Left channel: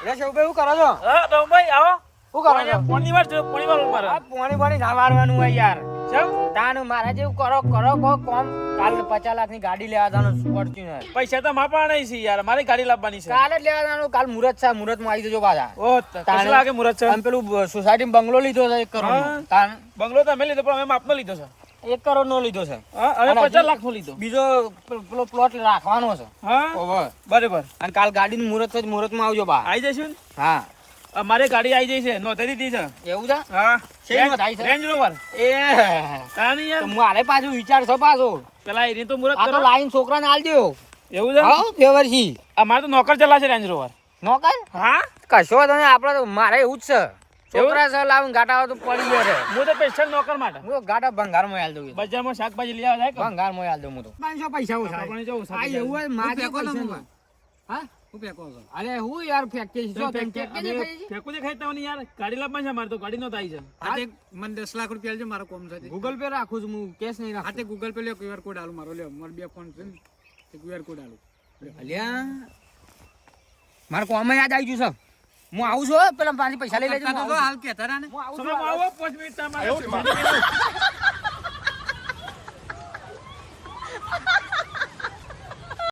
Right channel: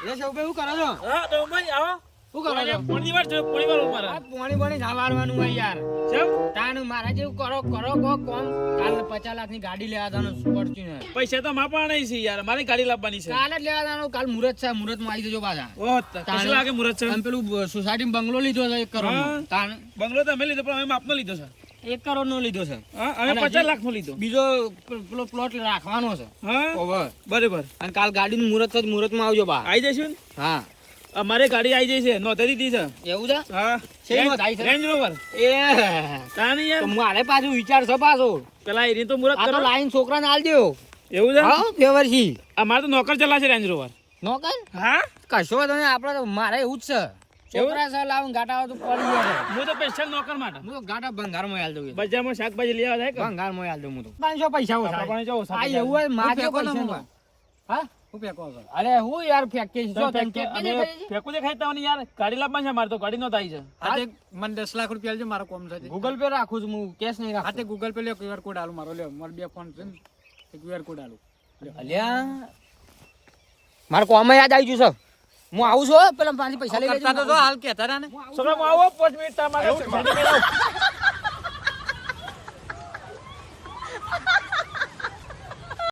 એટલે શોકભાઈ શું કરો છો? હા ડોમભાઈ આવો. શું કરો છો? પોણી વાર મારે. આ પોણી ના વારવાનું હોય યાર. ચમ તાનું મારા જેવું કરો કો કોમ. કાલ 50 લાખની ગાડી લેવા દાનો ફોર્ચ્યુનર. પૈસા તો મારા પાસે નહીં છે યાર, મારે ગાડી લાવવાની છે. કાલે જ લેવા દાનો. કાલ મુહૂર્ત છે, મુહૂર્તમાં આવી જજો પાછા. ઓહ કેટલા વાગે મુહૂર્ત છે? અને પેલું સોસાયટી બંગલો લીધો છે 1 કરોડ. તાન બંગલો તો અમે લીધો પણ અમે માપમાં લીધો છે. 1 કરોડ નો લીધો છે. હા અમે 50 લાખનો લીધો. બીજો પેલો પ્લોટ રાખવાનો છે. હા ઓવર. બરાબર. અને કાલ ગાડીનું મુહૂર્ત છે, મુહૂર્તમાં આવજો બા. આવી જઈશું ને? હા અમારે ગાડી આવી જઈ છે, નોંધાઈ દીધી છે. એવું છે? હા શેની નોંધાઈ છે? Range rover. એ તાણી યાર મારે પાછું વિચાર છો પાછો. પેલા એની તો મુહૂર્ત આ તો કરો. લાઈન છોકરાને આલ દેવો. એવું છે? હા વ્યવહારથી અમારે તો નોકર ચલાવશે રેન્જ રોવર. નોકર હા કશો તમે આપણે તો મારે એવું જ છે. છોકરા છે લાવીને ગાટા તો પડી ગયો છે. હું તો સ્પેશિયલ નોકર માટે હું તો ગાટા ભંગારમાં આલ દઉં. બજારમાં શાકભાજી લેવા જાય કે ભંગારમાં આલ દઉં હું તો. 500 પૈસા ઓછા. આપણે જો આ એવું હોય મારે પૈસા નહીં. હા હું ફેંકો છો? અરે હું યાર ફેક્ટરી છો તમે ફેક્ટરી અમે દેખાય છે? ફેંકું દેખાય તમને યાર ગાડી લાવવાની છે મારે તો ગાડી નો થાય છે. હાથે મને 10 લાખ રૂપિયા આલજો, મારો કોમ છે. ગૂગલ પે રાખું છું હું, કેશ નહીં રાખતો. હાથે ગૂગલ પે લ્યો, QR કોડ આલું મારો, લ્યો મારો 2 ફોન છે ને, QR કોડ આલું. અલ્યા મારે કોમ યાદ આવી ગયું છે. હું આવું છું હો, પેલા પાછી પૈસા લઈ લેજો. કરતા તો જો હાલ કહેતા રહ્યા ને. હું આવું છોકરા છું. આવો 5 મિનિટ તમારે